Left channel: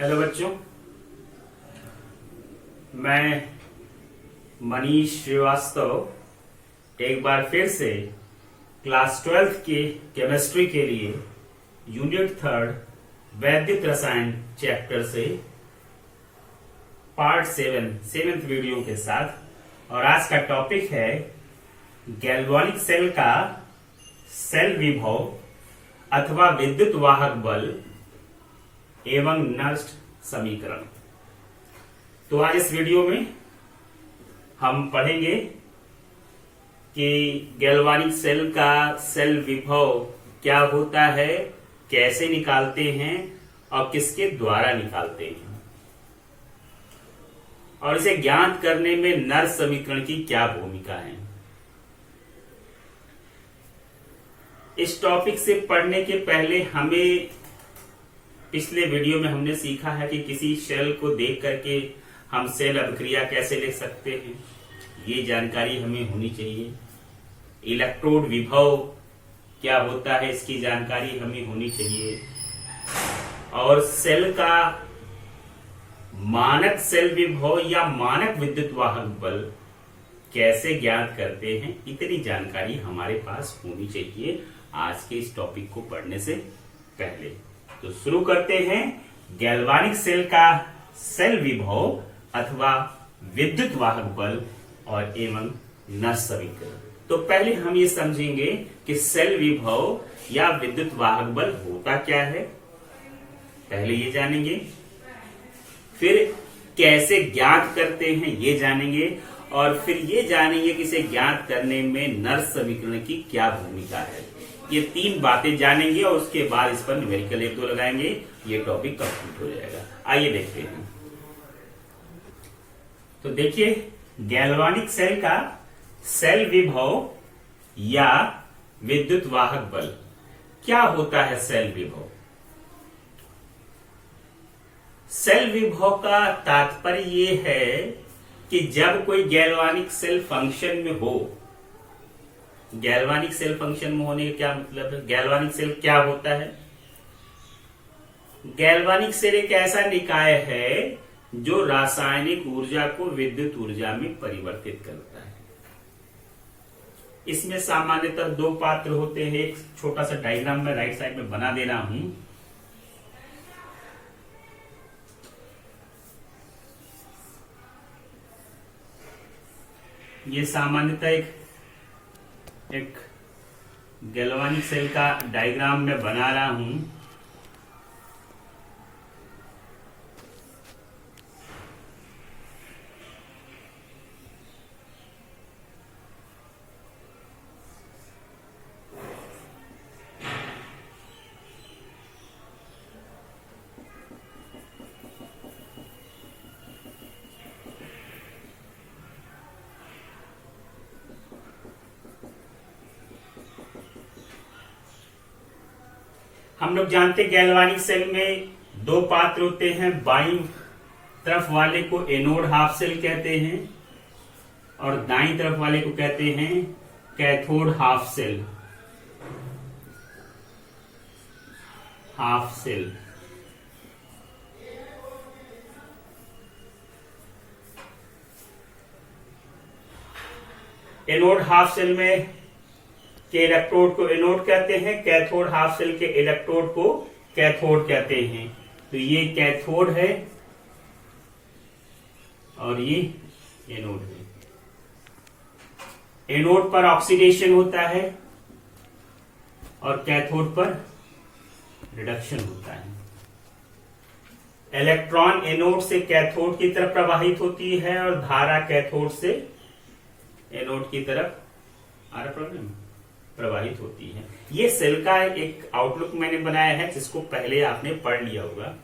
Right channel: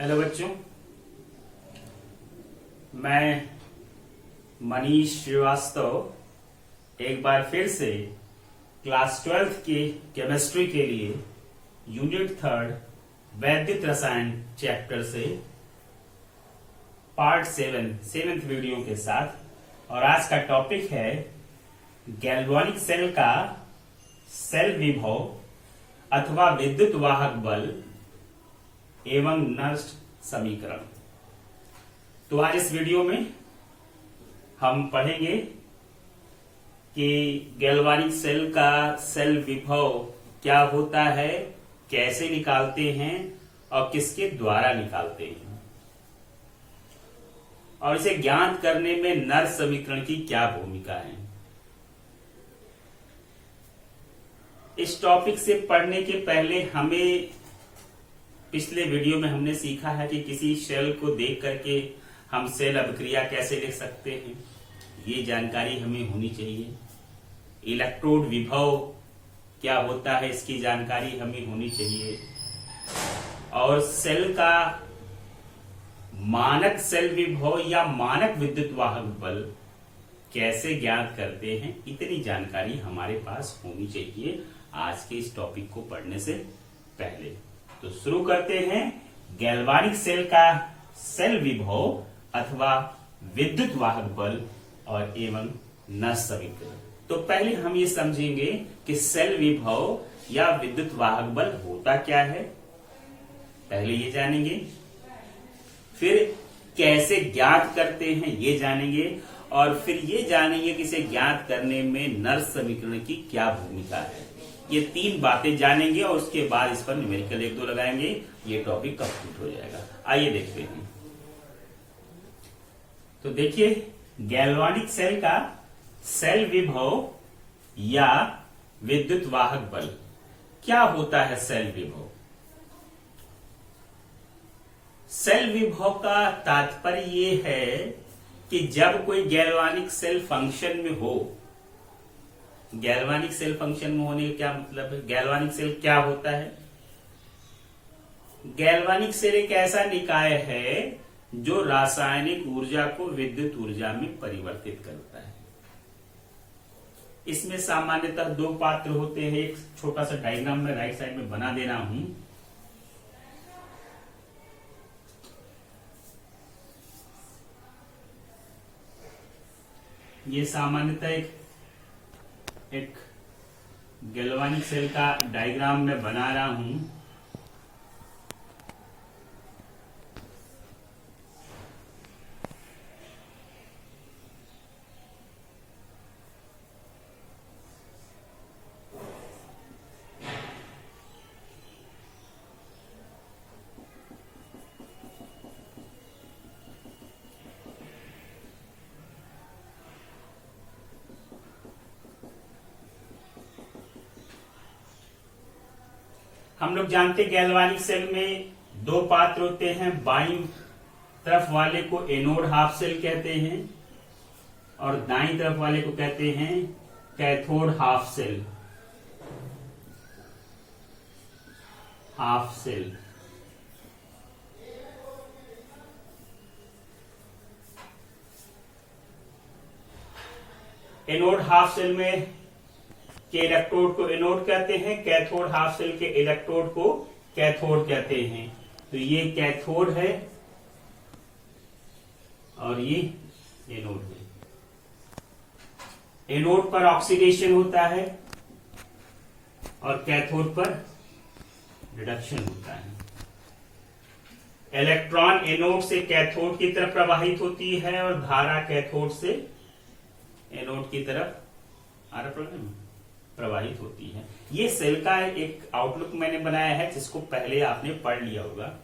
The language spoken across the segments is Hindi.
हेलो बच्चों, मैं मनीष श्रीवास्तव एक बार फिर से क्लास 12th की केमिस्ट्री के लिए यूनिट 3 वैद्युत रसायन चैप्टर से पार्ट 7th वीडियो के साथ। और आज का टॉपिक है गैल्वानिक सेल का सेल विभव अथवा विद्युत वाहक बल एवं नष्ट समीकरण। तो आज इस वीडियो में हम पढ़ेंगे कि गैल्वानिक सेल का सेल विभव क्या होता है, कैसे निकालते हैं और किसके द्वारा निकालते हैं, और इसे ज्ञात करने में नष्ट समीकरण की क्या भूमिका है। इस टॉपिक से पढ़ने के पहले हमें पिछले वीडियो में हमने सीखा है कि किसी सेल को देख करके हम सेल अभिक्रिया कैसे लिख सकते हैं, ये जानकारी हमें होनी चाहिए। इलेक्ट्रोड विभव क्या होता है, इसकी जानकारी हमें होनी चाहिए। और सेल का मानक सेल विभव या मानक विद्युत वाहक बल कैसे ज्ञात करते हैं, इतनी जानकारी हमारे पास होनी चाहिए आज के इस टॉपिक को पढ़ने से पहले। तो शुरू करते हैं गैल्वानिक सेल का सेल विभव अथवा विद्युत वाहक बल और एवं नष्ट समीकरण। तो पहले हम ये समझेंगे कि सेल विभव या विद्युत वाहक बल होता क्या है, पहले ये जानेंगे। फिर कैसे ज्ञात करते हैं ये जानेंगे, और फिर ये जानेंगे कि इसे ज्ञात करने में नष्ट समीकरण की क्या भूमिका है। ये 3 बातें जानेंगे और उसके बाद इस पर न्यूमेरिकल 1-2 लगाएंगे, ये टॉपिक कंप्लीट हो जाएगा। आइए देखते हैं। तो देखिए, गैल्वानिक सेल का सेल विभव या विद्युत वाहक बल क्या होता है। सेल विभव, सेल विभव का तात्पर्य ये है कि जब कोई गैल्वानिक सेल फंक्शन में हो। गैल्वानिक सेल फंक्शन में होने का क्या मतलब है, गैल्वानिक सेल क्या होता है। गैल्वानिक सेल एक ऐसा निकाय है जो रासायनिक ऊर्जा को विद्युत ऊर्जा में परिवर्तित करता है। इसमें सामान्यतः 2 पात्र होते हैं। एक छोटा सा डायग्राम में राइट साइड में बना दे रहा हूं। ये सामान्यतः एक गैल्वानिक सेल का डायग्राम में बना रहा हूं। हम लोग जानते हैं गैल्वानिक सेल में 2 पात्र होते हैं। बाईं तरफ वाले को एनोड हाफ सेल कहते हैं और दाईं तरफ वाले को कहते हैं cathode half cell. Half cell anode half cell में के इलेक्ट्रोड को एनोड कहते हैं, कैथोड हाफ सेल के इलेक्ट्रोड को कैथोड कहते हैं। तो ये कैथोड है और ये एनोड है। एनोड पर ऑक्सीडेशन होता है और कैथोड पर रिडक्शन होता है। इलेक्ट्रॉन एनोड से कैथोड की तरफ प्रवाहित होती है और धारा कैथोड से एनोड की तरफ प्रवाहित होती है। ये सेल का एक आउटलुक मैंने बनाया है जिसको पहले आपने पढ़ लिया होगा।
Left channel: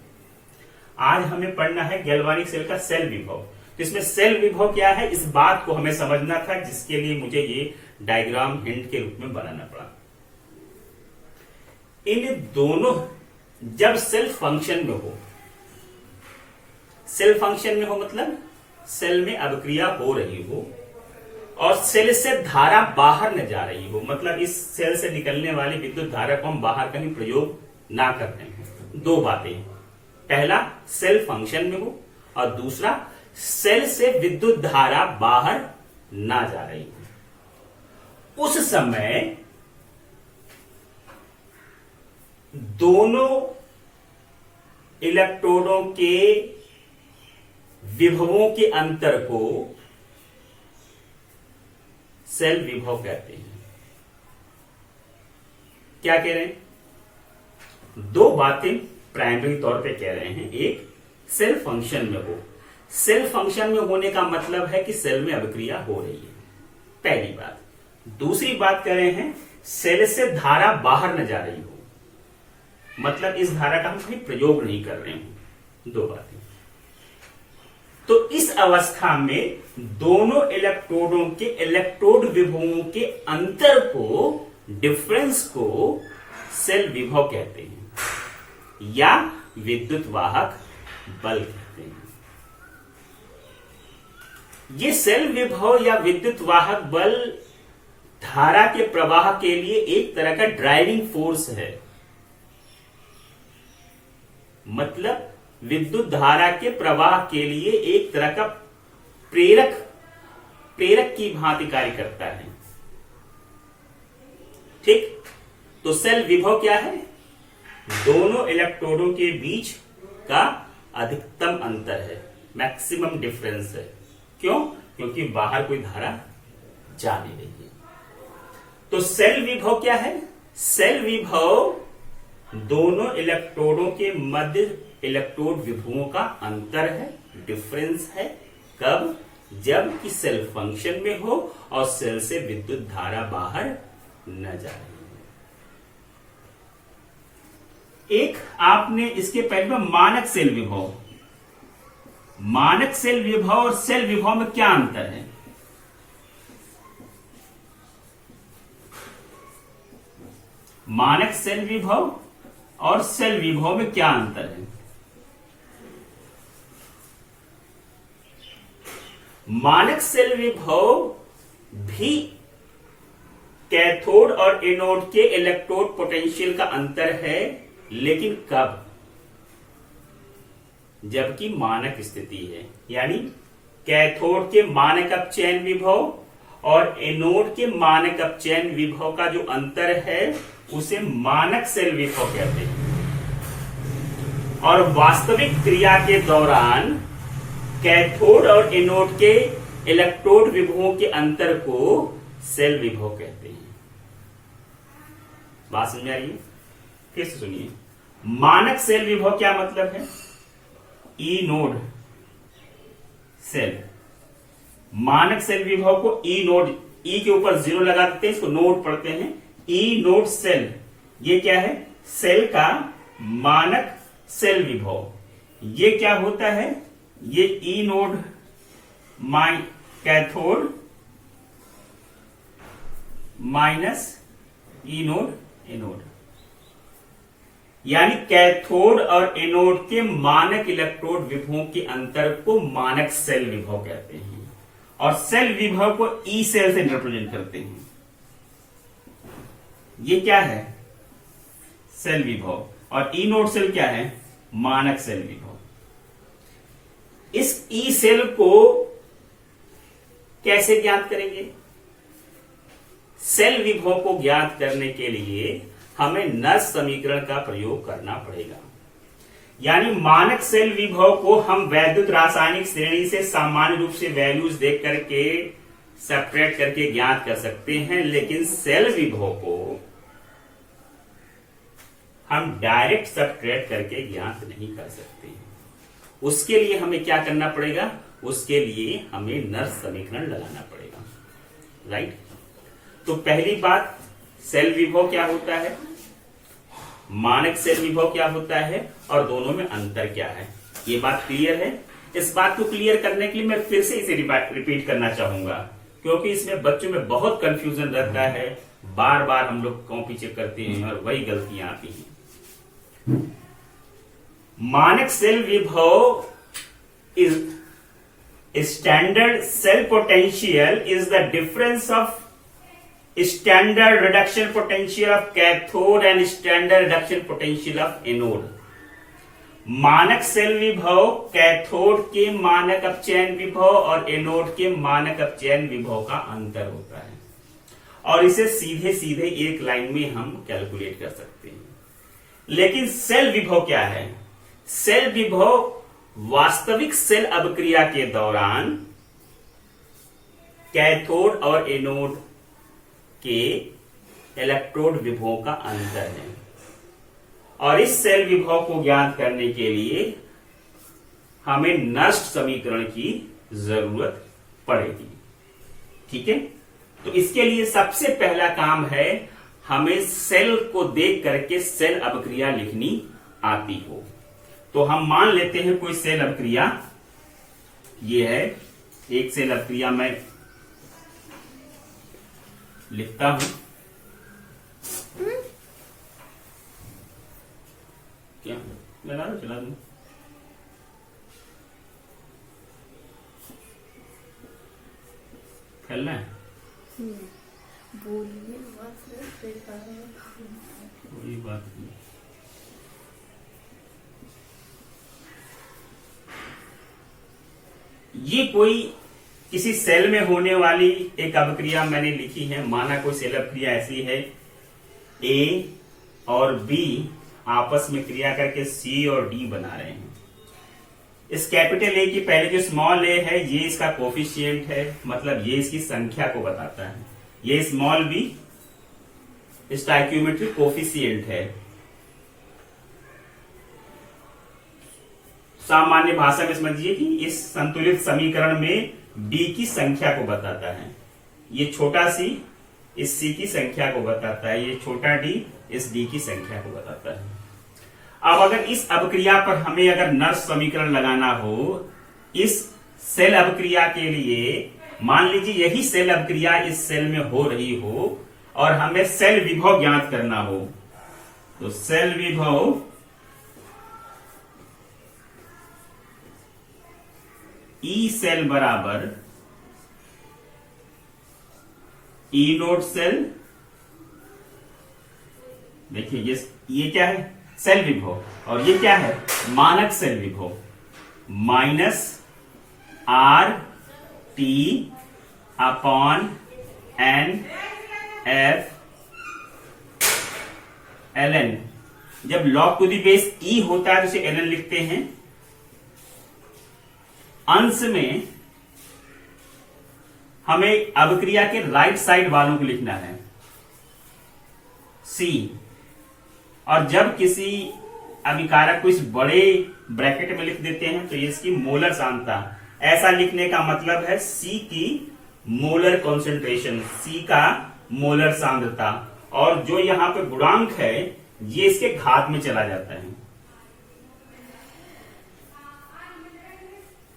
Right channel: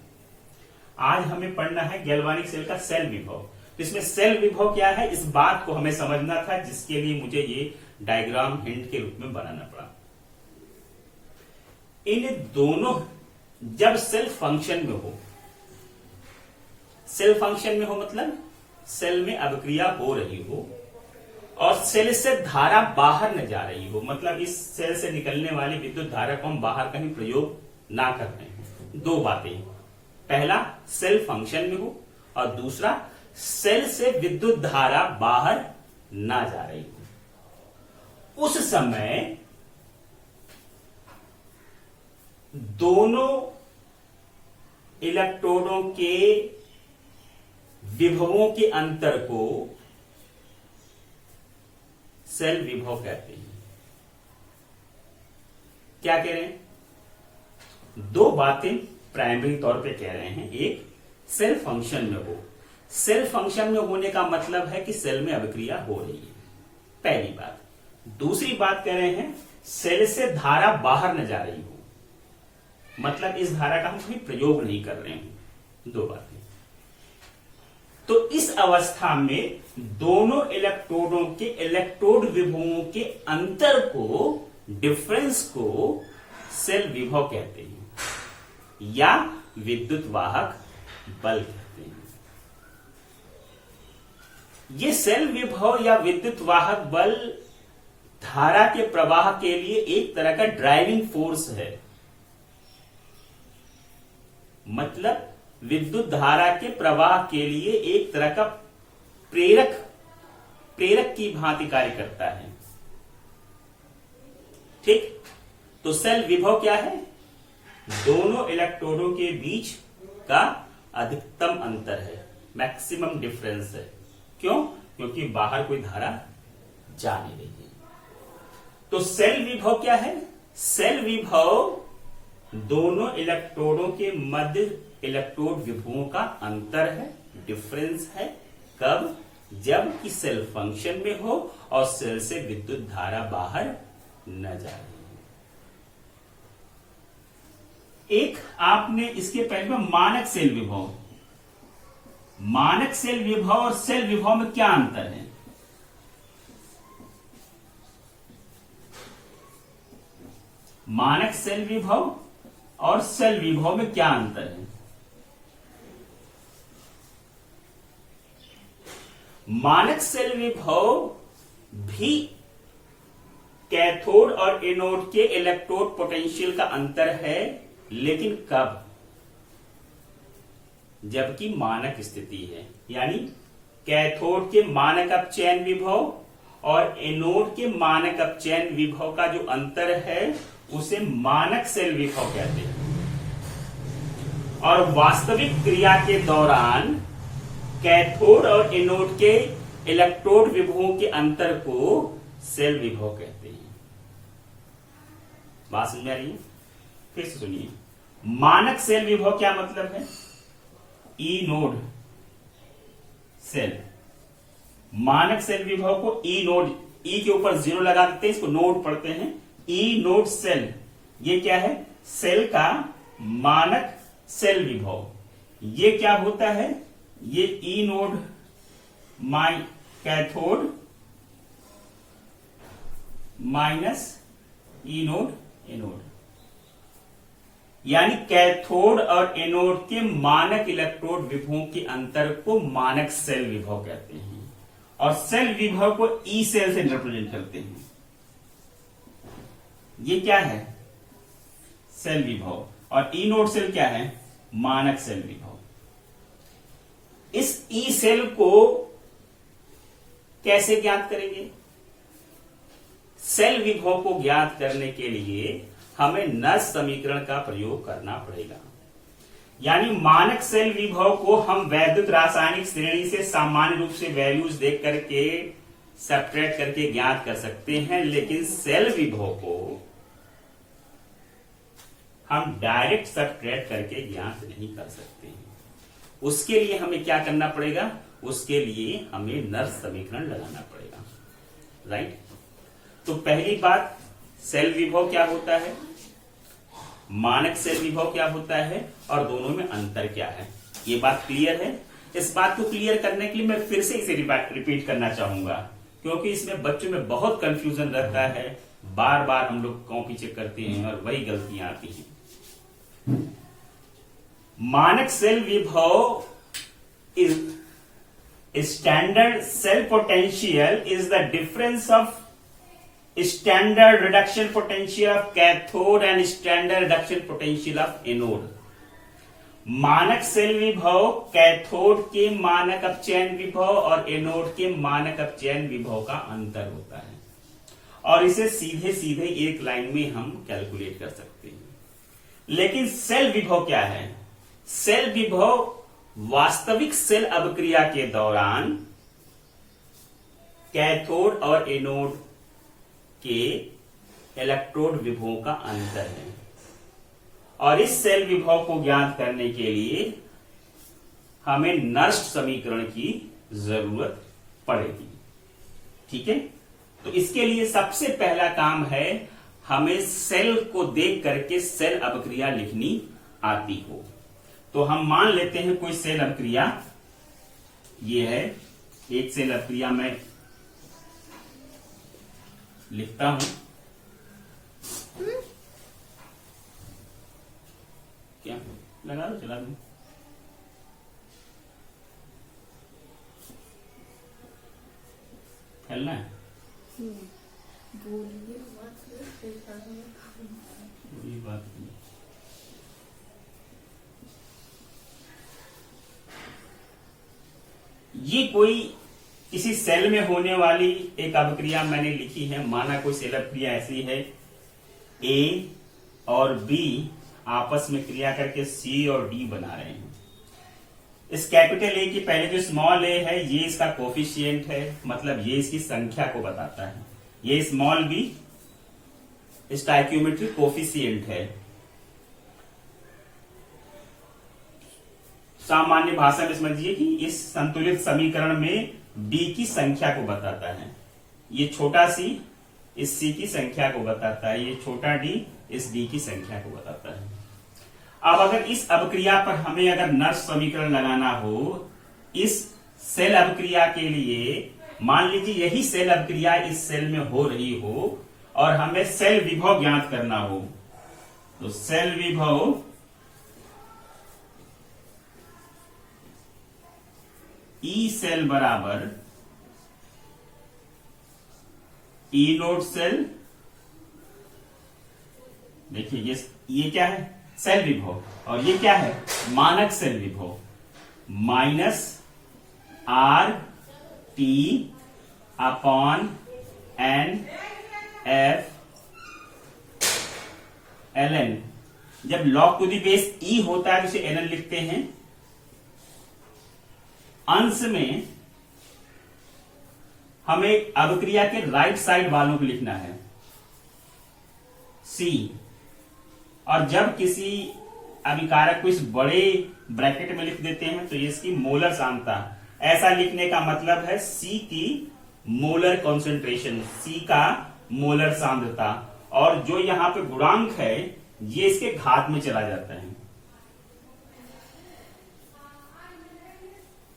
आज हमें पढ़ना है गैल्वानिक सेल का सेल विभव। तो इसमें सेल विभव क्या है, इस बात को हमें समझना था, जिसके लिए मुझे ये डायग्राम हिंट के रूप में बनाना पड़ा। इन दोनों जब सेल फंक्शन में हो, सेल फंक्शन में हो मतलब सेल में अभिक्रिया हो रही हो और सेल से धारा बाहर न जा रही हो, मतलब इस सेल से निकलने वाली विद्युत धारा को हम बाहर कहीं प्रयोग ना करते हैं। 2 बातें। पहला सेल फंक्शन में हो और दूसरा सेल से विद्युत धारा बाहर ना जा रही हो। उस समय दोनों इलेक्ट्रोडों के विभवों के अंतर को सेल विभव कहते हैं। क्या कह रहे हैं? दो बातें प्राइमरी तौर पे कह रहे हैं। एक, सेल फंक्शन में हो। सेल फंक्शन में होने का मतलब है कि सेल में अभिक्रिया हो रही है, पहली बात। दूसरी बात कह रहे हैं सेल से धारा बाहर न जा रही हो, मतलब इस धारा का हम कोई प्रयोग नहीं कर रहे हैं। दो बातें। तो इस अवस्था में दोनों इलेक्ट्रोडों के इलेक्ट्रोड विभवों के अंतर को, डिफरेंस को सेल विभव कहते हैं या विद्युत वाहक बल कहते हैं। ये सेल विभव या विद्युत वाहक बल धारा के प्रवाह के लिए एक तरह का ड्राइविंग फोर्स है, मतलब विद्युत धारा के प्रवाह के लिए एक तरह का प्रेरक की भांति कार्य करता है। ठीक, तो सेल विभव क्या है? दोनों इलेक्ट्रोडों के बीच का अधिकतम अंतर है, मैक्सिमम डिफरेंस है। क्यों? क्योंकि बाहर कोई धारा जा नहीं रही है। तो सेल विभव क्या है? सेल विभव दोनों इलेक्ट्रोडों के मध्य इलेक्ट्रोड विभवों का अंतर है, डिफरेंस है। कब? जब कि सेल फंक्शन में हो और सेल से विद्युत धारा बाहर न जा रही है। एक आपने इसके पहले में मानक सेल विभव, मानक सेल विभव और सेल विभव में क्या अंतर है? मानक सेल विभव और सेल विभव में क्या अंतर है? मानक सेल विभव भी कैथोड और एनोड के इलेक्ट्रोड पोटेंशियल का अंतर है, लेकिन कब? जबकि मानक स्थिति है, यानी कैथोड के मानक अपचयन विभव और एनोड के मानक अपचयन विभव का जो अंतर है उसे मानक सेल विभव कहते हैं। और वास्तविक क्रिया के दौरान कैथोड और एनोड के इलेक्ट्रोड विभवों के अंतर को सेल विभव कहते हैं। बात समझ आ रही है? फिर से सुनिए। मानक सेल विभव क्या मतलब है? ई नोड सेल, मानक सेल विभव को ई नोड, ई के ऊपर 0 लगा देते हैं, इसको नोड पढ़ते हैं। ई नोड सेल, ये क्या है? सेल का मानक सेल विभव। ये क्या होता है? ये ई नोड कैथोड माइनस ई नोड एनोड, यानी कैथोड और एनोड के मानक इलेक्ट्रोड विभवों के अंतर को मानक सेल विभव कहते हैं। और सेल विभव को ई सेल से रिप्रेजेंट करते हैं। ये क्या है? सेल विभव। और ई नोड सेल क्या है? मानक सेल विभव। इस ई सेल को कैसे ज्ञात करेंगे? सेल विभव को ज्ञात करने के लिए हमें नर्स समीकरण का प्रयोग करना पड़ेगा। यानी मानक सेल विभव को हम वैद्युत रासायनिक श्रेणी से सामान्य रूप से वैल्यूज देख करके सेपरेट करके ज्ञात कर सकते हैं, लेकिन सेल विभव को हम डायरेक्ट सेपरेट करके ज्ञात नहीं कर सकते हैं। उसके लिए हमें क्या करना पड़ेगा? उसके लिए हमें नर्स समीकरण लगाना पड़ेगा, राइट? तो पहली बात, सेल विभव क्या होता है, मानक सेल विभव क्या होता है और दोनों में अंतर क्या है, ये बात क्लियर है। इस बात को क्लियर करने के लिए मैं फिर से इसे रिपीट करना चाहूंगा, क्योंकि इसमें बच्चों में बहुत कंफ्यूजन रहता है। बार बार हम लोग कॉपी चेक करते हैं और वही गलतियां आती हैं। मानक सेल विभव is standard cell potential is the difference of standard reduction potential of cathode and standard reduction potential of anode. मानक सेल विभव कैथोड के मानक अपचयन विभव और एनोड के मानक अपचयन विभव का अंतर होता है, और इसे सीधे सीधे एक लाइन में हम कैलकुलेट कर सकते हैं। लेकिन सेल विभव क्या है? सेल विभव वास्तविक सेल अभिक्रिया के दौरान कैथोड और एनोड के इलेक्ट्रोड विभवों का अंतर है, और इस सेल विभव को ज्ञात करने के लिए हमें नर्स्ट समीकरण की जरूरत पड़ेगी। ठीक है, तो इसके लिए सबसे पहला काम है हमें सेल को देख करके सेल अभिक्रिया लिखनी आती हो। तो हम मान लेते हैं कोई सेल अभिक्रिया, ये है एक सेल अभिक्रिया, मैं लिखता हूं। क्या लगा दो, चला दू। फैलना है, बोलिए कोई बात नहीं। ये कोई किसी सेल में होने वाली एक अभिक्रिया मैंने लिखी है। माना कोई सेल अभिक्रिया ऐसी है, ए और बी आपस में क्रिया करके सी और डी बना रहे हैं। इस कैपिटल ए की पहले जो स्मॉल ए है ये इसका कोफिशिएंट है, मतलब ये इसकी संख्या को बताता है। ये स्मॉल बी स्टोइकियोमेट्रिक कोफिशिएंट है। सामान्य भाषा में समझिए कि इस संतुलित समीकरण में डी की संख्या को बताता है। ये छोटा सी इस सी की संख्या को बताता है, ये छोटा डी इस डी की संख्या को बताता है। अब अगर इस अभिक्रिया पर हमें अगर नर्स समीकरण लगाना हो, इस सेल अभिक्रिया के लिए मान लीजिए यही सेल अभिक्रिया इस सेल में हो रही हो और हमें सेल विभव ज्ञात करना हो, तो सेल विभव ई सेल बराबर ई नोड सेल। देखिए ये क्या है? सेल विभव, और ये क्या है? मानक सेल विभव minus R T upon N F L N. जब log to the base E होता है तो इसे एल एन लिखते हैं। अंश में हमें अभिक्रिया के राइट साइड वालों को लिखना है सी, और जब किसी अभिकारक को इस बड़े ब्रैकेट में लिख देते हैं तो ये इसकी मोलर सांद्रता। ऐसा लिखने का मतलब है सी की मोलर कॉन्सेंट्रेशन, सी का मोलर सांद्रता, और जो यहां पे गुणांक है ये इसके घात में चला जाता है।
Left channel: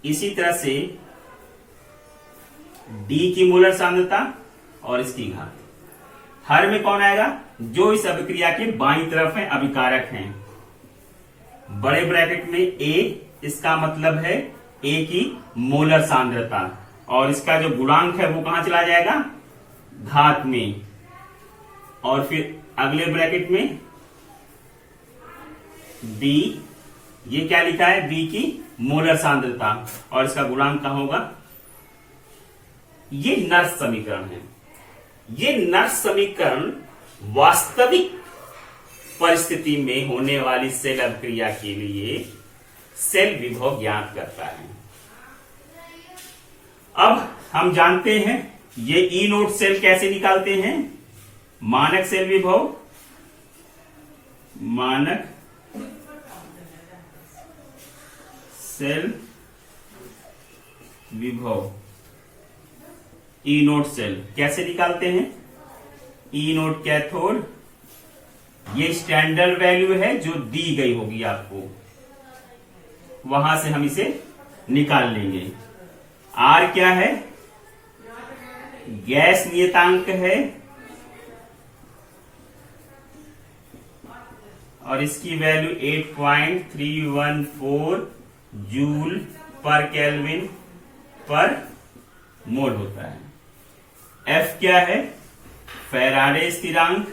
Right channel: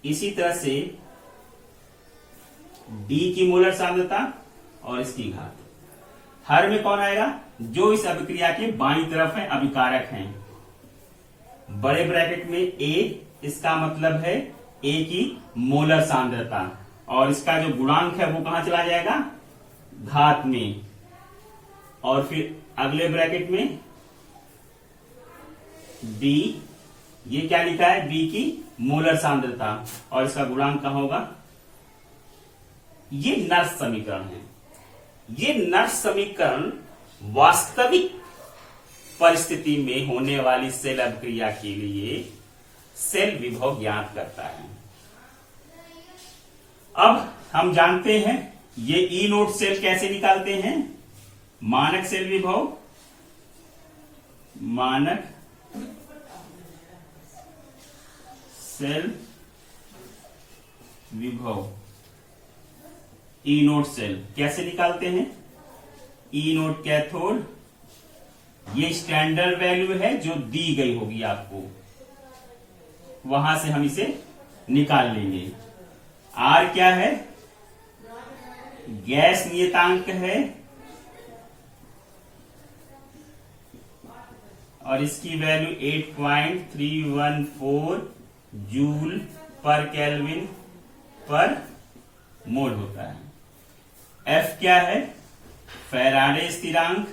इसी तरह से डी की मोलर सांद्रता और इसकी घात। हर में कौन आएगा? जो इस अभिक्रिया के बाईं तरफ है अभिकारक हैं। बड़े ब्रैकेट में ए, इसका मतलब है ए की मोलर सांद्रता, और इसका जो गुणांक है वो कहां चला जाएगा? घात में। और फिर अगले ब्रैकेट में डी, ये क्या लिखा है? बी की मोलर सांद्रता, और इसका गुणांक कहां होगा? ये नर्स समीकरण है। ये नर्स समीकरण वास्तविक परिस्थिति में होने वाली सेल अभिक्रिया के लिए सेल विभव ज्ञात करता है। अब हम जानते हैं ये ई नोड सेल कैसे निकालते हैं। मानक सेल विभव, मानक सेल विभव ई नोड सेल कैसे निकालते हैं? ई नोड कैथोड, ये स्टैंडर्ड वैल्यू है जो दी गई होगी आपको, वहां से हम इसे निकाल लेंगे। आर क्या है? गैस नियतांक है, और इसकी वैल्यू 8.314 जूल पर केल्विन पर मोल होता है। एफ क्या है? फैराडे स्थिरांक,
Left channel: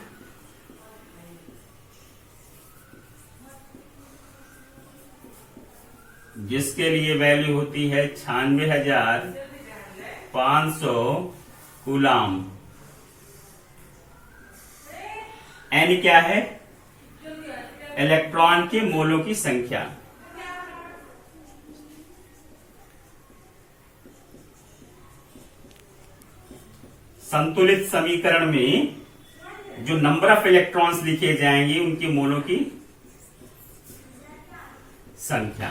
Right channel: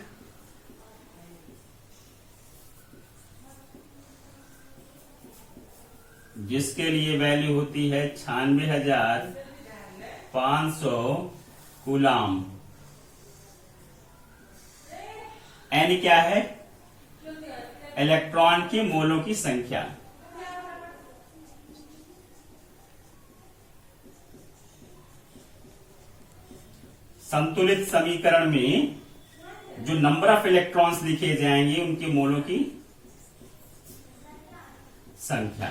जिसके लिए वैल्यू होती है 96,500 कूलाम। एन क्या है? इलेक्ट्रॉन के मोलों की संख्या। संतुलित समीकरण में जो नंबर ऑफ इलेक्ट्रॉन्स लिखे जाएंगे उनके मोलों की संख्या।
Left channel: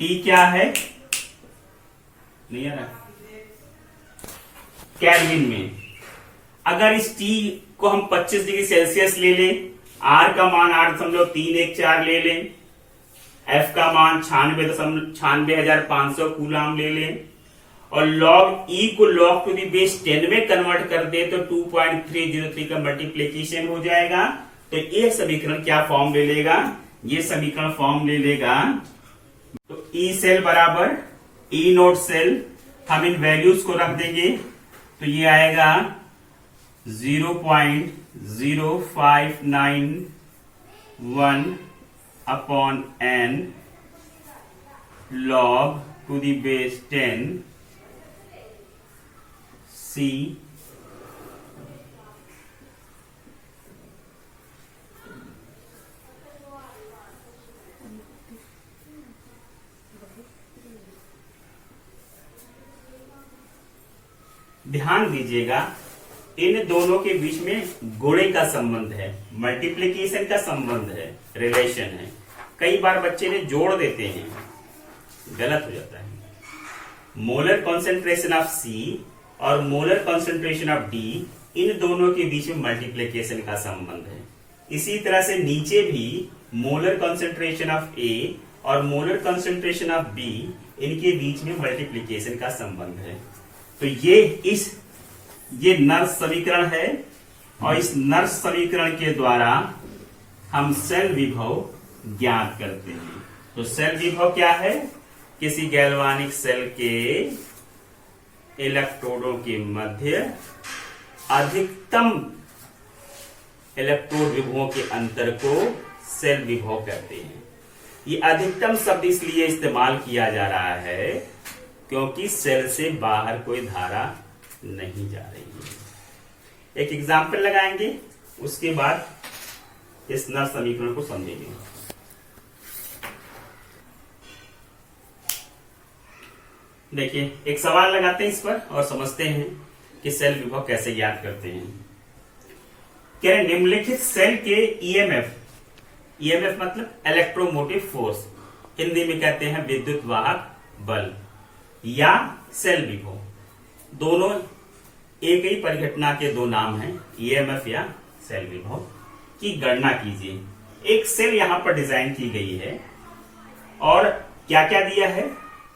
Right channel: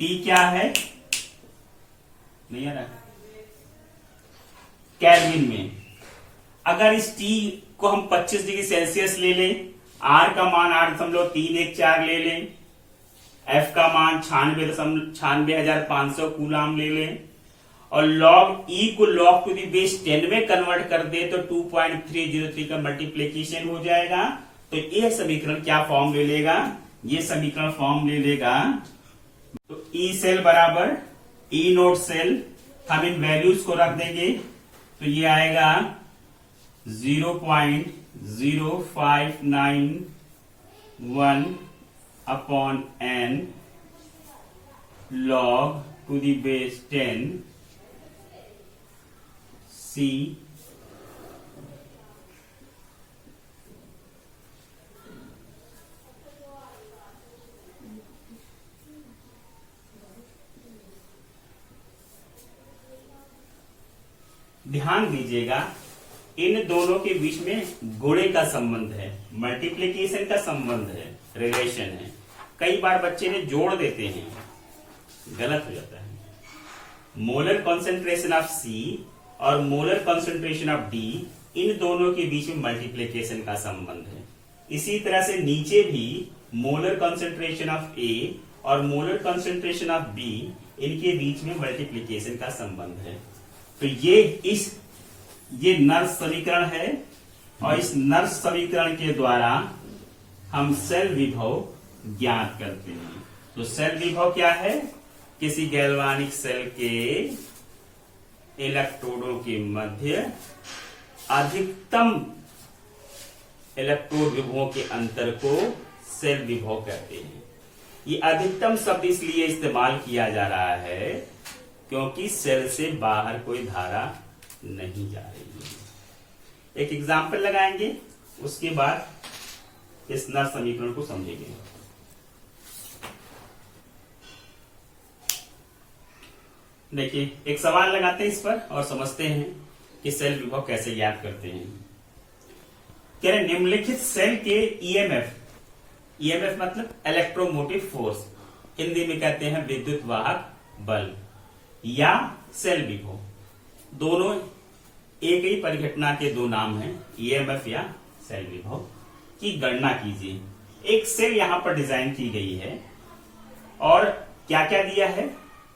टी क्या है? नहीं आ रहा। केल्विन में अगर इस टी को हम 25 डिग्री सेल्सियस ले लें, आर का मान 8.314 ले लें, एफ का मान 96,500 कूलाम ले लें और लॉग ई को लॉग टू दी बेस 10 में कन्वर्ट कर दे तो 2.303 का मल्टीप्लीकेशन हो जाएगा। तो ये समीकरण क्या फॉर्म ले लेगा? ये समीकरण फॉर्म ले लेगा तो ई सेल बराबर ई नोट सेल। हम इन वैल्यूज को रख देंगे तो ये आएगा 0.0591 upon n log to the base 10 C ध्यान दीजिएगा इन दोनों के बीच में गुणे का संबंध है, मल्टीप्लीकेशन का संबंध है, रिलेशन है। कई बार बच्चे ने जोड़ देते हैं, गलत हो जाता है। मोलर कॉन्सेंट्रेशन ऑफ C और मोलर कॉन्सेंट्रेशन ऑफ D, इन दोनों के बीच में मल्टीप्लीकेशन का संबंध है। इसी तरह से नीचे भी मोलर कॉन्सेंट्रेशन ऑफ A और मोलर कॉन्सेंट्रेशन ऑफ B, इनके बीच में मल्टीप्लीकेशन का संबंध है। तो ये नर्स समीकरण है और इस नर्स समीकरण के द्वारा हम सेल विभव ज्ञात करते हैं। तो सेल विभव क्या है? किसी गैल्वानिक सेल के इलेक्ट्रोडों के मध्य अधिकतम इलेक्ट्रोड विभवों के अंतर को सेल विभव कहते हैं। ये अधिकतम शब्द इसलिए इस्तेमाल किया जा रहा है क्योंकि सेल से बाहर कोई धारा नहीं जा रही है। एक एग्जाम्पल लगाएंगे, उसके बाद इस नर्स समीकरण को समझेंगे। देखिए एक सवाल लगाते हैं इस पर और समझते हैं कि सेल विभव कैसे याद करते हैं। कह रहे निम्नलिखित सेल के ईएमएफ मतलब इलेक्ट्रोमोटिव फोर्स, हिंदी में कहते हैं विद्युत वाहक बल या सेल विभव, दोनों एक ही परिघटना के दो नाम हैं, ईएमएफ या सेल विभव की गणना कीजिए। एक सेल यहां पर डिजाइन की गई है और क्या क्या दिया है?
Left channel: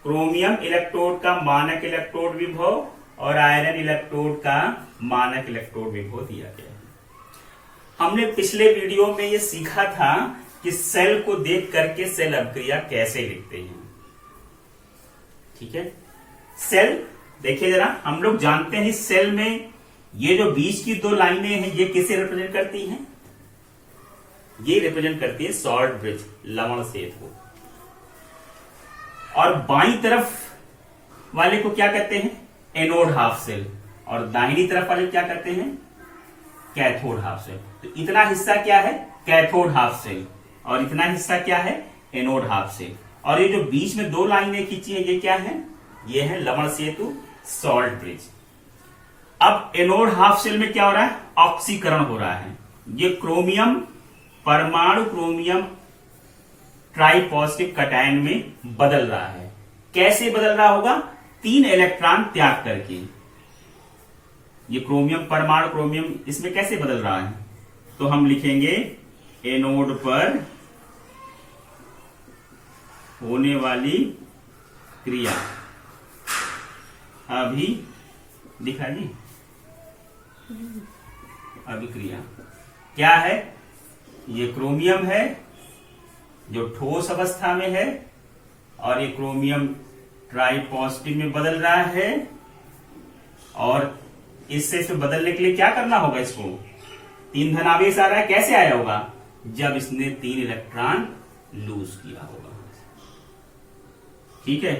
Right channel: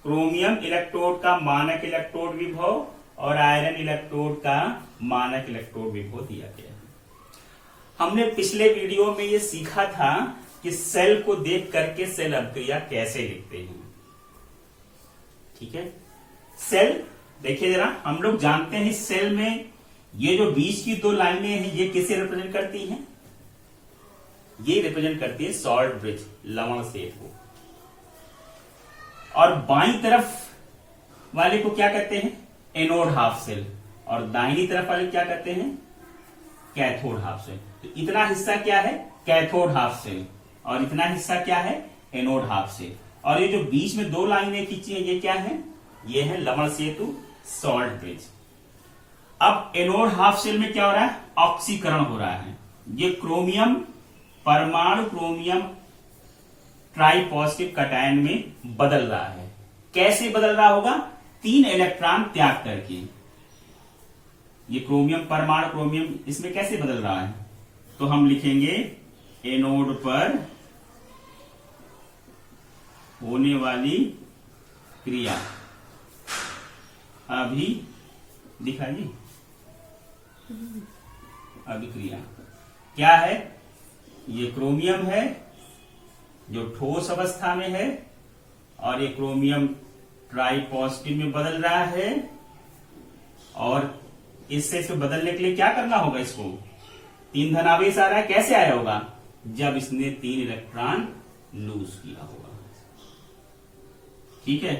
क्रोमियम इलेक्ट्रोड का मानक इलेक्ट्रोड विभव और आयरन इलेक्ट्रोड का मानक इलेक्ट्रोड विभव दिया गया है। हमने पिछले वीडियो में ये सीखा था कि सेल को देख करके सेल अभिक्रिया कैसे लिखते हैं। ठीक है, सेल देखिए जरा, हम लोग जानते हैं सेल में ये जो बीच की दो लाइनें हैं ये किसे रिप्रेजेंट करती हैं? ये रिप्रेजेंट करती है सॉल्ट ब्रिज, लवण सेतु। और बाईं तरफ वाले को क्या कहते हैं? Anode half cell. और दाहिनी तरफ वाले क्या कहते हैं? Cathode half cell. तो इतना हिस्सा क्या है? कैथोड हाफ सेल और इतना हिस्सा क्या है? Anode half cell. और ये जो बीच में दो लाइनें खींची है ये क्या है? ये है लवण सेतु, सॉल्ट ब्रिज। अब एनोड हाफ सेल में क्या हो रहा है? ऑक्सीकरण हो रहा है। ये क्रोमियम परमाणु क्रोमियम ट्राइपॉजिटिव कटायन में बदल रहा है। कैसे बदल रहा होगा? 3 इलेक्ट्रॉन त्याग करके। ये क्रोमियम परमाणु क्रोमियम इसमें कैसे बदल रहा है? तो हम लिखेंगे एनोड पर होने वाली क्रिया। अभी दिखाइए, अभिक्रिया क्या है? ये क्रोमियम है जो ठोस अवस्था में है और ये क्रोमियम ट्राइपॉजिटिव में बदल रहा है। और इससे बदलने के लिए क्या करना होगा? इसको 3 धनावेश आ रहा है, कैसे आया होगा? जब इसने 3 इलेक्ट्रॉन लूज किया होगा। ठीक है।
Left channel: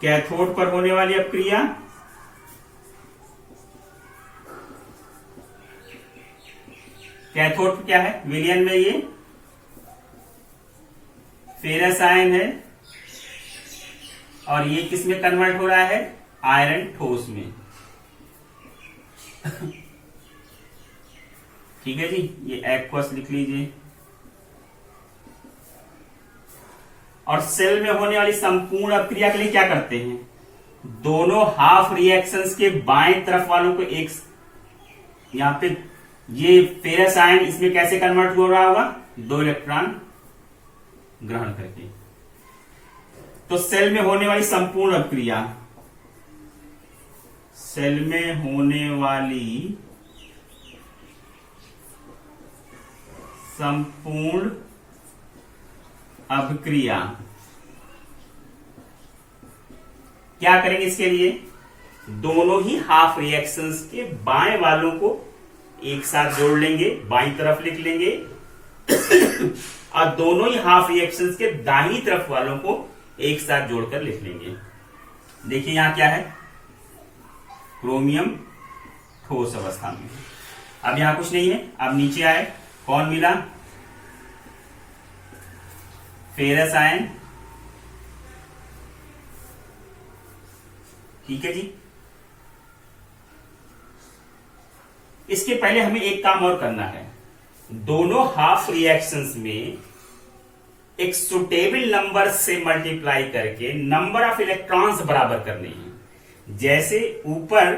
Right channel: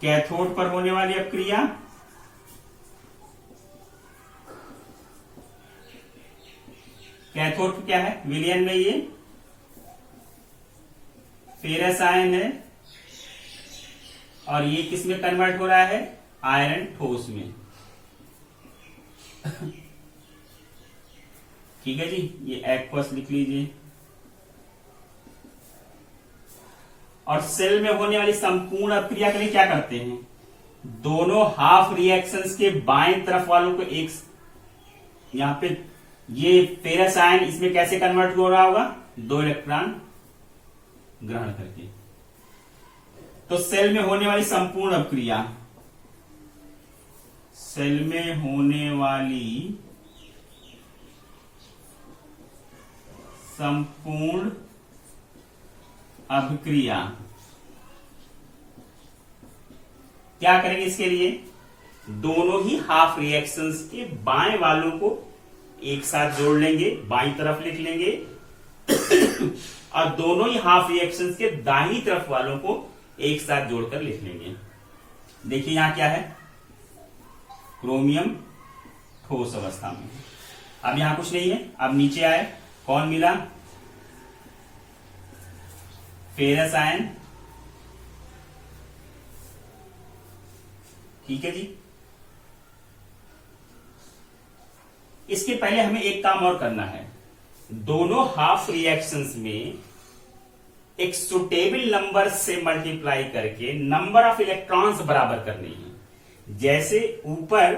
कैथोड पर होने वाली अपक्रिया कैथोड क्या है, विलयन में ये फेरस आयन है और ये किस में कन्वर्ट हो रहा है, आयरन ठोस में। ठीक है जी, ये एक्वस लिख लीजिए। और सेल में होने वाली संपूर्ण अपक्रिया के लिए क्या करते हैं, दोनों हाफ रिएक्शंस के बाएं तरफ वालों को एक, यहां पे ये फेरस आयन इसमें कैसे कन्वर्ट हो रहा होगा, 2 इलेक्ट्रॉन ग्रहण करके। तो सेल में होने वाली संपूर्ण अपक्रिया, सेल में होने वाली संपूर्ण अपक्रिया क्या करेंगे, इसके लिए दोनों ही हाफ रिएक्शंस के बाएं वालों को एक साथ जोड़ लेंगे, बाईं तरफ लिख लेंगे और दोनों ही हाफ रिएक्शंस के दाहिनी तरफ वालों को एक साथ जोड़कर लिख लेंगे। देखिए यहां क्या है, क्रोमियम ठोस अवस्था में। अब यहां कुछ नहीं है, अब नीचे आए, कौन मिला, फेरस आयन। ठीक है जी। इसके पहले हमें एक काम और करना है, दोनों हाफ रिएक्शंस में एक सुटेबल नंबर से मल्टीप्लाई करके नंबर ऑफ इलेक्ट्रॉन्स बराबर करने हैं। जैसे ऊपर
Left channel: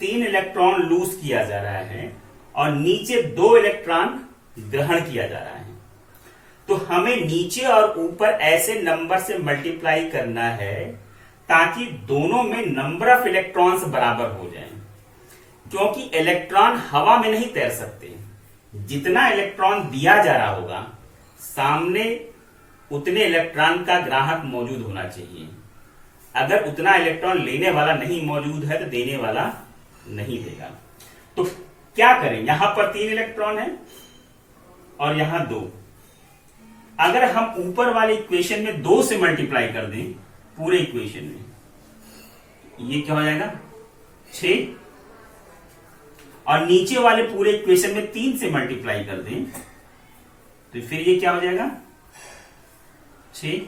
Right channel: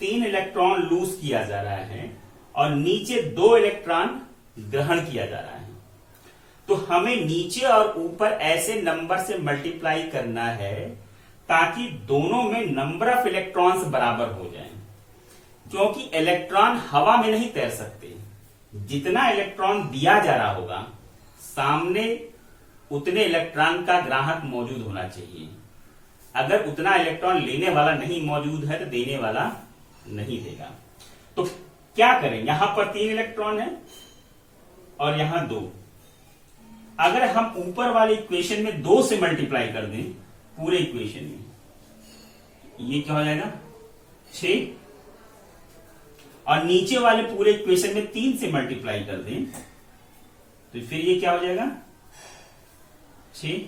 3 इलेक्ट्रॉन लूज किया जा रहा है और नीचे 2 इलेक्ट्रॉन ग्रहण किया जा रहा है, तो हमें नीचे और ऊपर ऐसे नंबर से मल्टीप्लाई करना है ताकि दोनों में नंबर ऑफ इलेक्ट्रॉन्स बराबर हो जाएं। क्योंकि इलेक्ट्रॉन हवा में नहीं तैर सकते, जितना इलेक्ट्रॉन दिया जा रहा होगा सामने उतने इलेक्ट्रॉन का ग्राहक मौजूद होना चाहिए। अगर उतना इलेक्ट्रॉन लेने वाला नहीं मौजूद है तो देने वाला नहीं देगा। तो क्या करें, यहां पर 3 इलेक्ट्रॉन है और यहां 2। अगर हम ऊपर वाले इक्वेशन में 2 से मल्टीप्लाई कर दें, पूरे इक्वेशन में ये क्या हो जाएगा 6, और नीचे वाले पूरे इक्वेशन में 3 से मल्टीप्लाई कर दें तो फिर ये क्या हो जाएगा 6।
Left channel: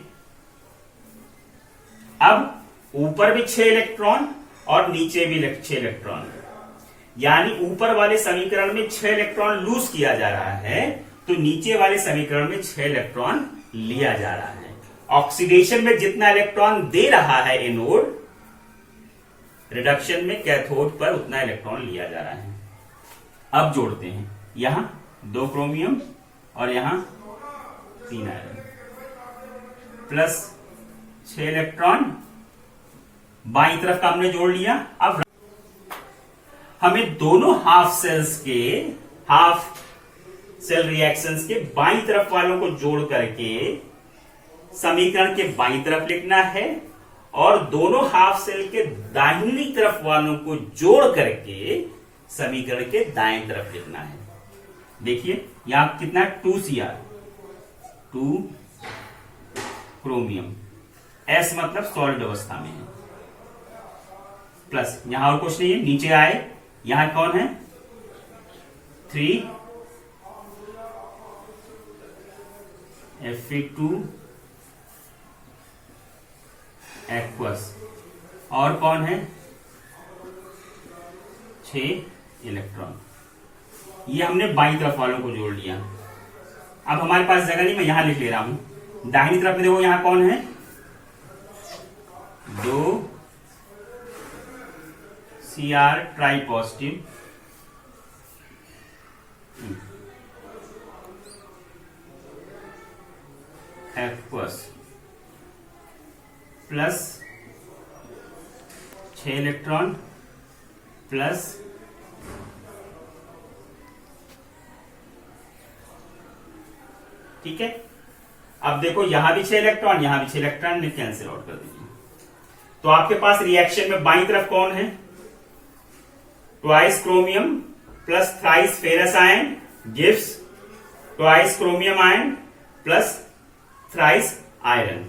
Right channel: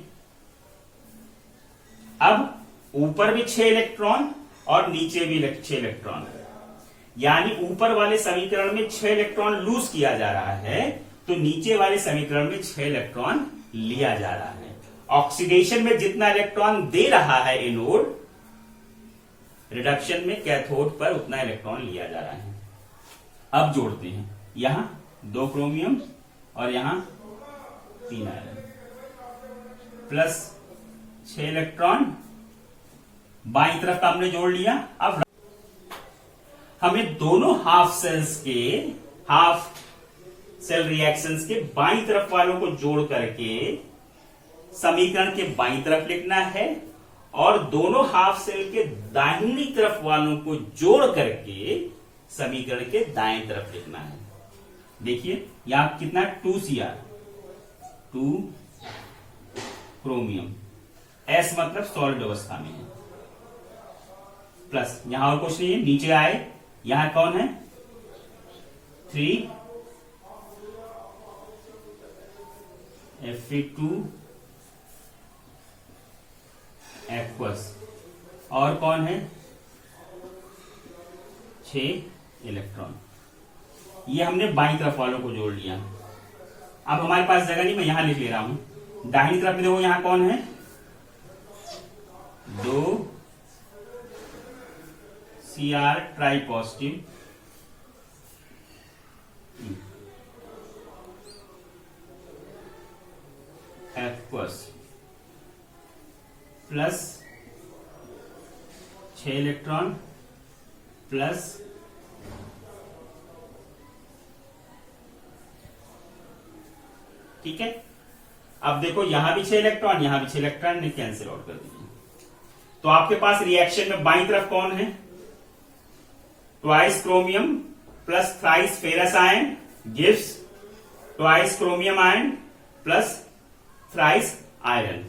अब ऊपर भी 6 इलेक्ट्रॉन और नीचे भी 6 इलेक्ट्रॉन, यानी ऊपर वाले समीकरण में 6 इलेक्ट्रॉन लूज किया जा रहा है तो नीचे वाले समीकरण में 6 इलेक्ट्रॉन लिया जा रहा है। ऑक्सीडेशन में जितना इलेक्ट्रॉन दे रहा है एनोड, रिडक्शन में कैथोड पर उतना इलेक्ट्रॉन लिया जा रहा है। अब जोड़ते हैं, यहां 2 क्रोमियम और यहां 3 आयरन प्लस 6 इलेक्ट्रॉन बाईं तरफ का हमने जोड़ लिया। अब हमें दोनों हाफ सेल रिएक्शंस के बाईं तरफ वालों को जोड़ करके समीकरण के बाईं तरफ लिखना है और दोनों हाफ सेल के दाहिनी तरफ वालों को जोड़ करके समीकरण के दाएं तरफ लिखना है। देखिए यहां कितना 2Cr, 2 क्रोमियम, S मतलब सॉलिड अवस्था में है, प्लस यहां और कुछ नहीं है, नीचे आए, यहां कौन है 3 Fe2 एक्वस, और कौन है 6 इलेक्ट्रॉन। ये हमने बाईं तरफ वालों को जोड़ लिया। अब हमारे पास जगह नहीं, मैं यहां लिख ले रहा हूं। दाहिनी तरफ में देखो यहां कौन है 2 Cr try positive, aqueous plus 6 electron plus ठीक है। अब देखो यहां भी 6 इलेक्ट्रॉन, यहां भी 6 इलेक्ट्रॉन, ने कैंसिल आउट कर दीजिए। तो आपके पास रिएक्शन में बाईं तरफ कौन है, twice chromium plus thrice ferrous ion gives twice chromium ion plus thrice iron.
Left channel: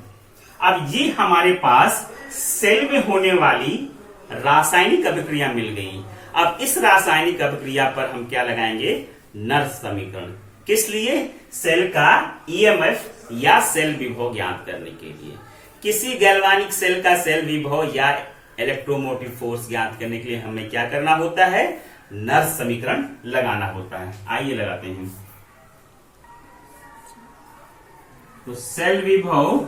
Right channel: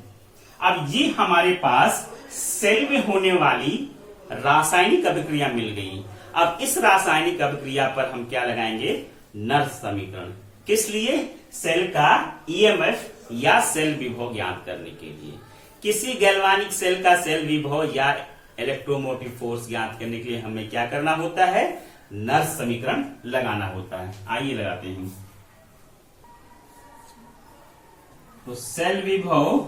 अब ये हमारे पास सेल में होने वाली रासायनिक अभिक्रिया मिल गई। अब इस रासायनिक अभिक्रिया पर हम क्या लगाएंगे, नर्स समीकरण। किस लिए, सेल का ईएमएफ या सेल विभव ज्ञात करने के लिए। किसी गैल्वानिक सेल का सेल विभव या इलेक्ट्रोमोटिव फोर्स ज्ञात करने के लिए हमें क्या करना होता है, नर्स समीकरण लगाना होता है। आइए लगाते हैं। तो सेल विभव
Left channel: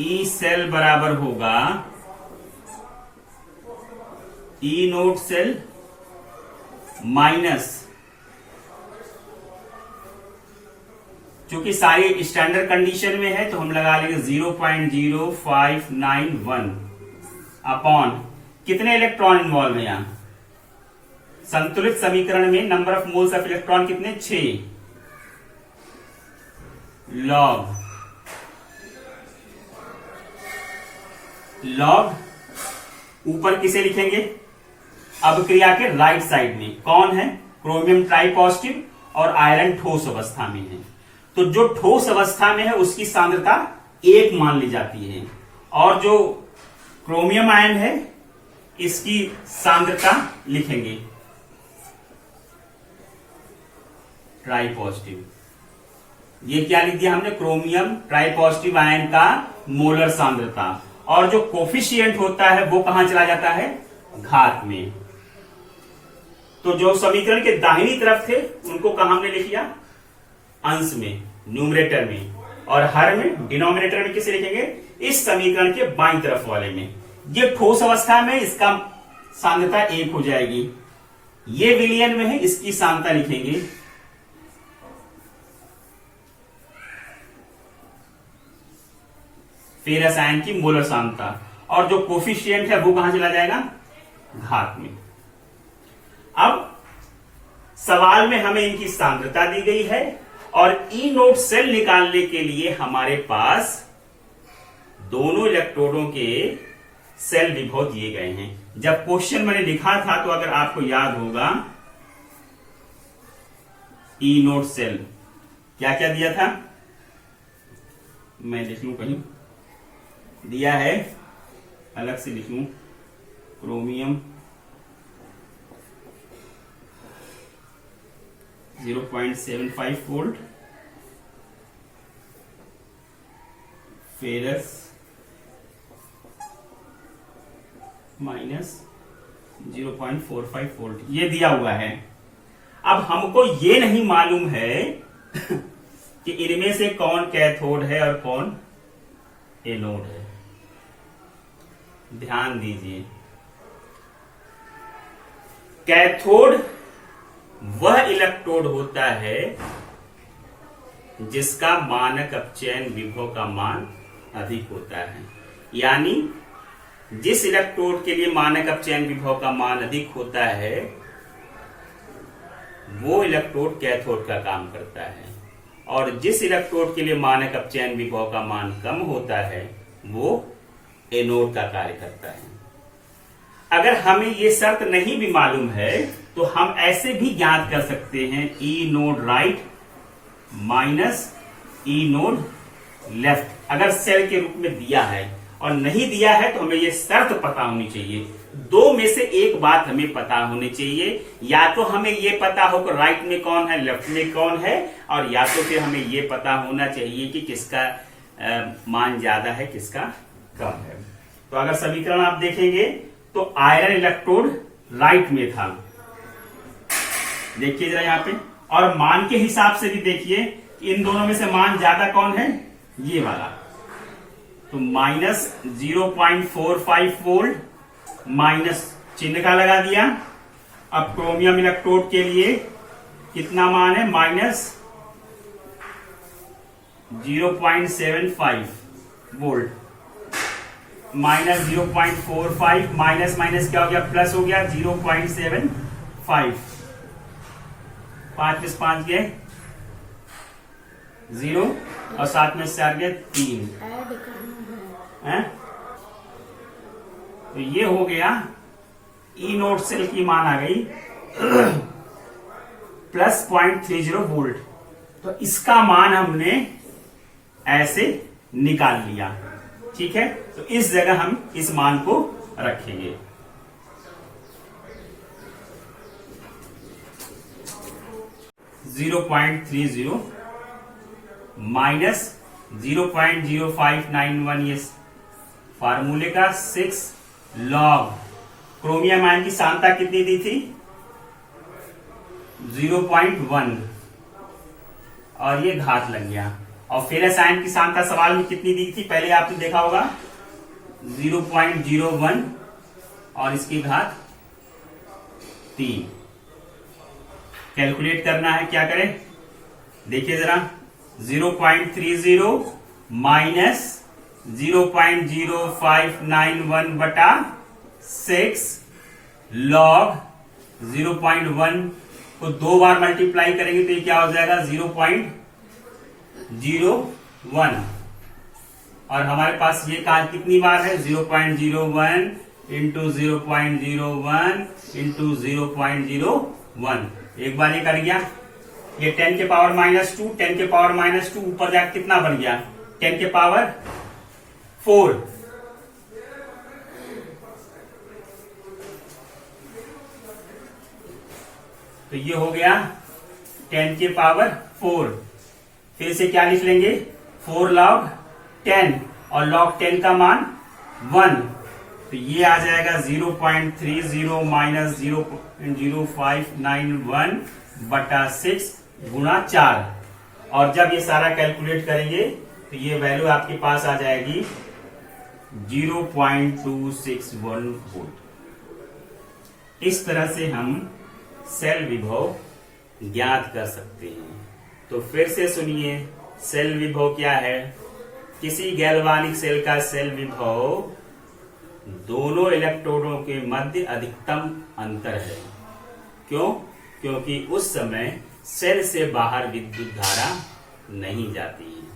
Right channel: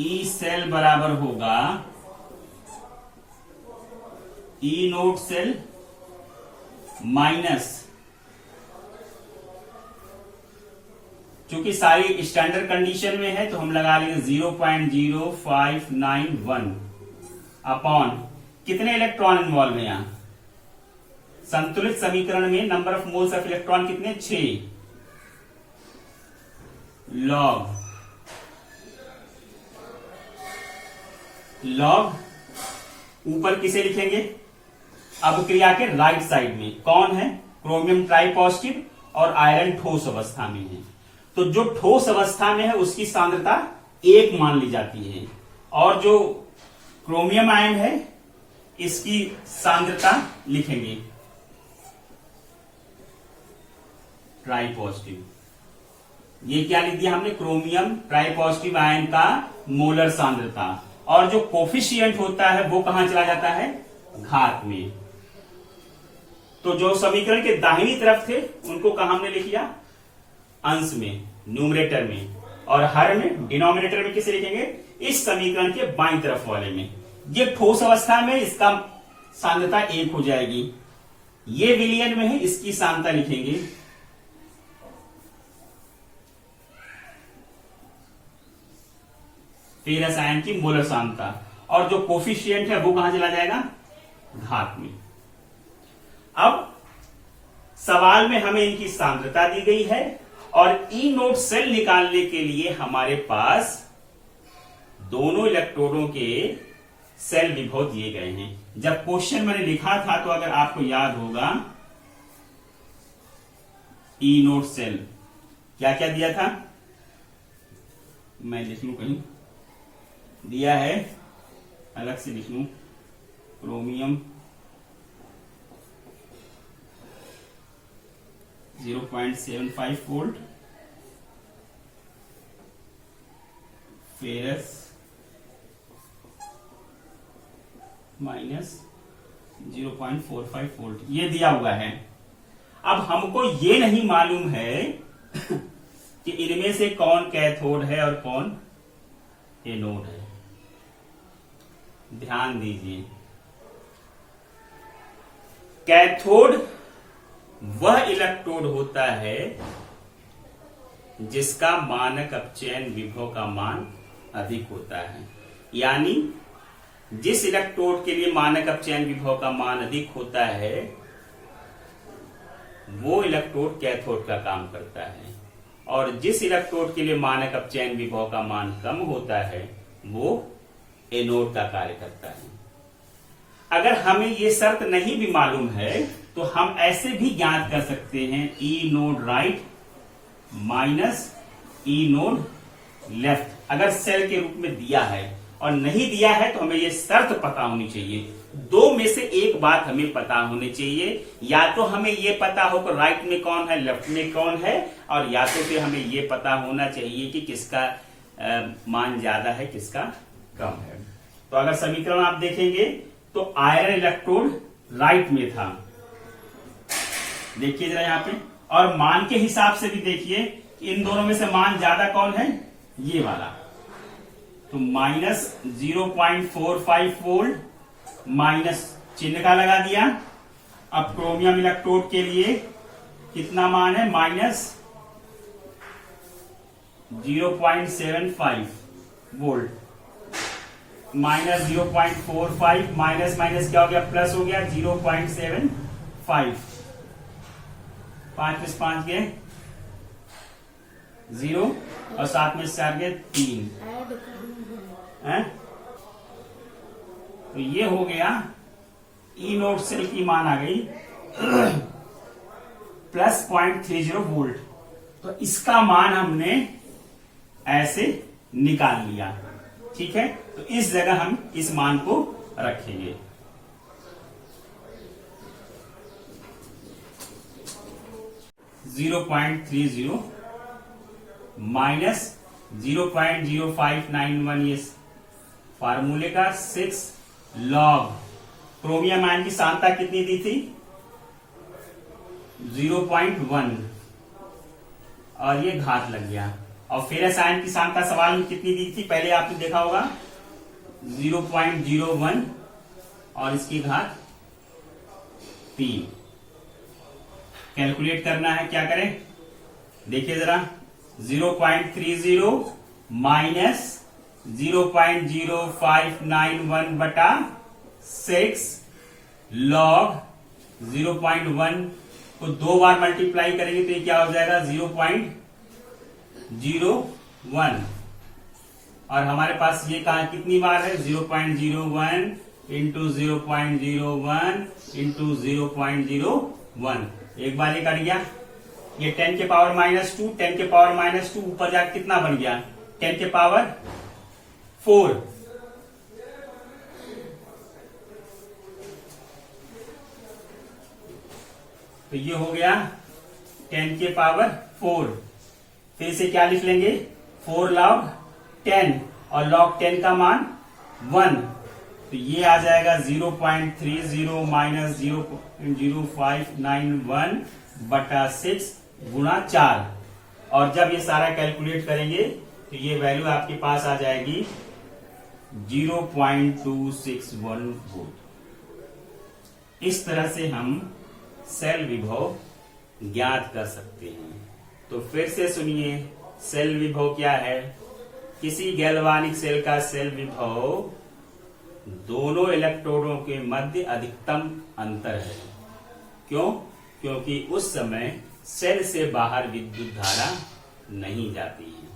ई सेल बराबर होगा ई नोट सेल माइनस, क्योंकि सारी स्टैंडर्ड कंडीशन में है तो हम लगा लेंगे 0.0591 अपॉन कितने इलेक्ट्रॉन इन्वॉल्व है यहां, संतुलित समीकरण में number of moles of electron कितने, 6 लॉग ऊपर किसे लिखेंगे, अभिक्रिया के राइट साइड में कौन है, क्रोमियम ट्राइपॉजिटिव और आयरन ठोस अवस्था में है। तो जो ठोस अवस्था में है उसकी सांद्रता 1 मान ली जाती है, और जो क्रोमियम आयन है इसकी सांद्रता लिखेंगे ट्राइपॉजिटिव। ये क्या लिख दिया हमने, क्रोमियम ट्राइपॉजिटिव आयन का मोलर सांद्रता, और जो कोफिशिएंट होता है वो कहां चला जाता है, घात में। तो जो समीकरण के दाहिनी तरफ थे उनको कहां हमने लिख लिया, अंश में, न्यूमरेटर में, और हर में, डिनोमिनेटर में किसे लिखेंगे, इस समीकरण के बाईं तरफ वाले में। ये ठोस अवस्था में इसका सांद्रता 1 हो जाएगी, ये विलयन में है इसकी सांद्रता लिखेंगे फेरस आयन की मोलर सांद्रता, और जो कोफिशिएंट है वो कहां चला जाएगा, घात में। अब सवाल में हमें इनकी सांद्रता दी गई है और ई नोट सेल निकालने के लिए हमारे पास दोनों इलेक्ट्रोडों के सेल विभव दिए गए हैं। जब क्वेश्चन मैंने लिखा था तो अगर आपको याद होगा, ई नोट सेल क्या क्या दिया था, मैं लिख लूं, कहीं दिया है, अलग से लिख लूं, chromium 0.75 volt, ferrous minus 0.45 volt, ये दिया हुआ है। अब हमको ये नहीं मालूम है कि इनमें से कौन कैथोड है और कौन एनोड है। ध्यान दीजिए, कैथोड वह इलेक्ट्रोड होता है जिसका मानक अपचयन विभव का मान अधिक होता है, यानी जिस इलेक्ट्रोड के लिए मानक अपचयन विभव का मान अधिक होता है वो इलेक्ट्रोड कैथोड का काम करता है, और जिस इलेक्ट्रोड के लिए मानक अपचयन विभव का मान कम होता है वो एनोड का कार्य करता है। अगर हमें ये शर्त नहीं भी मालूम है तो हम ऐसे भी ज्ञात कर सकते हैं, ई नोड राइट माइनस ई नोड लेफ्ट, अगर सेल के रूप में दिया है, और नहीं दिया है तो हमें ये शर्त पता होनी चाहिए। दो में से एक बात हमें पता होनी चाहिए, या तो हमें ये पता हो कि राइट में कौन है लेफ्ट में कौन है, और या तो फिर हमें ये पता होना चाहिए कि किसका मान ज्यादा है किसका कम है। तो अगर समीकरण आप देखेंगे तो आयरन इलेक्ट्रोड राइट में था, देखिए जरा यहाँ पे, और मान के हिसाब से भी देखिए इन दोनों में से मान ज्यादा कौन है, ये वाला। तो माइनस 0.45 वोल्ट माइनस चिन्ह का लगा दिया। अब क्रोमियम इलेक्ट्रोड के लिए कितना मान है, minus 0.75 volt, minus 0.45 minus minus क्या हो गया, प्लस हो गया 0.75, 5 में 5 गए 0 और 7 में 4 गए 3 है। तो ये हो गया ई नोट सेल की मान आ गई प्लस 0.30 वोल्ट। तो इसका मान हमने ऐसे निकाल लिया। ठीक है, तो इस जगह हम इस मान को रखेंगे। -0.30 माइनस 0.0591, ये फार्मूले का 6 लॉग क्रोमियम आयन की सांद्रता कितनी दी थी? 0.1 और ये घात लग गया। और फेरस आयन की सांद्रता सवाल में कितनी दी थी? पहले आपने देखा होगा 0.01 और इसकी घात 3। कैलकुलेट करना है, क्या करें? देखिए जरा, 0.30 माइनस 0.0591 बटा 6 लॉग 0.1 को 2 बार मल्टीप्लाई करेंगे तो ये क्या हो जाएगा? 0.01। और हमारे पास ये कहा कितनी बार है? 0.01 इंटू 0.01 इंटू 0.01। एक बार ये कर गया, ये 10 के पावर -2, 10 के पावर -2 ऊपर जाकर कितना बन गया? 10 के पावर 4। तो ये हो गया 10 के पावर 4। फिर से क्या लिख लेंगे? 4 log 10 और log 10 का मान 1। तो ये आ जाएगा 0.30 माइनस 0.0591 बटा 6 गुणा 4। और जब ये सारा कैलकुलेट करेंगे तो ये वैल्यू आपके पास आ जाएगी 0.261 वोल्ट। इस तरह से हम सेल विभव ज्ञात कर सकते हैं। तो फिर से सुनिए, सेल विभव क्या है? किसी गैल्वानिक सेल का सेल विभव दोनों इलेक्ट्रोडों के मध्य अधिकतम अंतर है। क्यों? क्योंकि उस समय सेल से बाहर विद्युत धारा नहीं जाती है।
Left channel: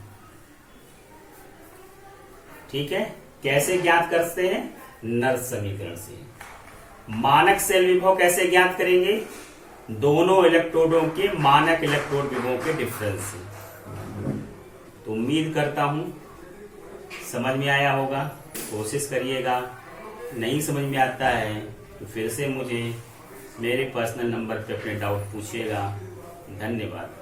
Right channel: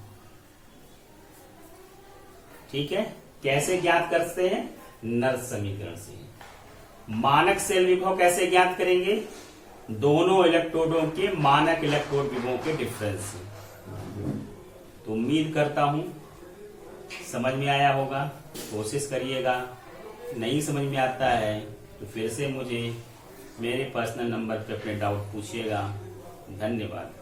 ठीक है, कैसे ज्ञात करते हैं? नर्स समीकरण से। मानक सेल विभव कैसे ज्ञात करेंगे? दोनों इलेक्ट्रोडों के मानक इलेक्ट्रोड विभवों के डिफरेंस से। तो उम्मीद करता हूं समझ में आया होगा। कोशिश करिएगा, नहीं समझ में आता है तो फिर से मुझे मेरे पर्सनल नंबर पे अपने डाउट पूछिएगा। धन्यवाद।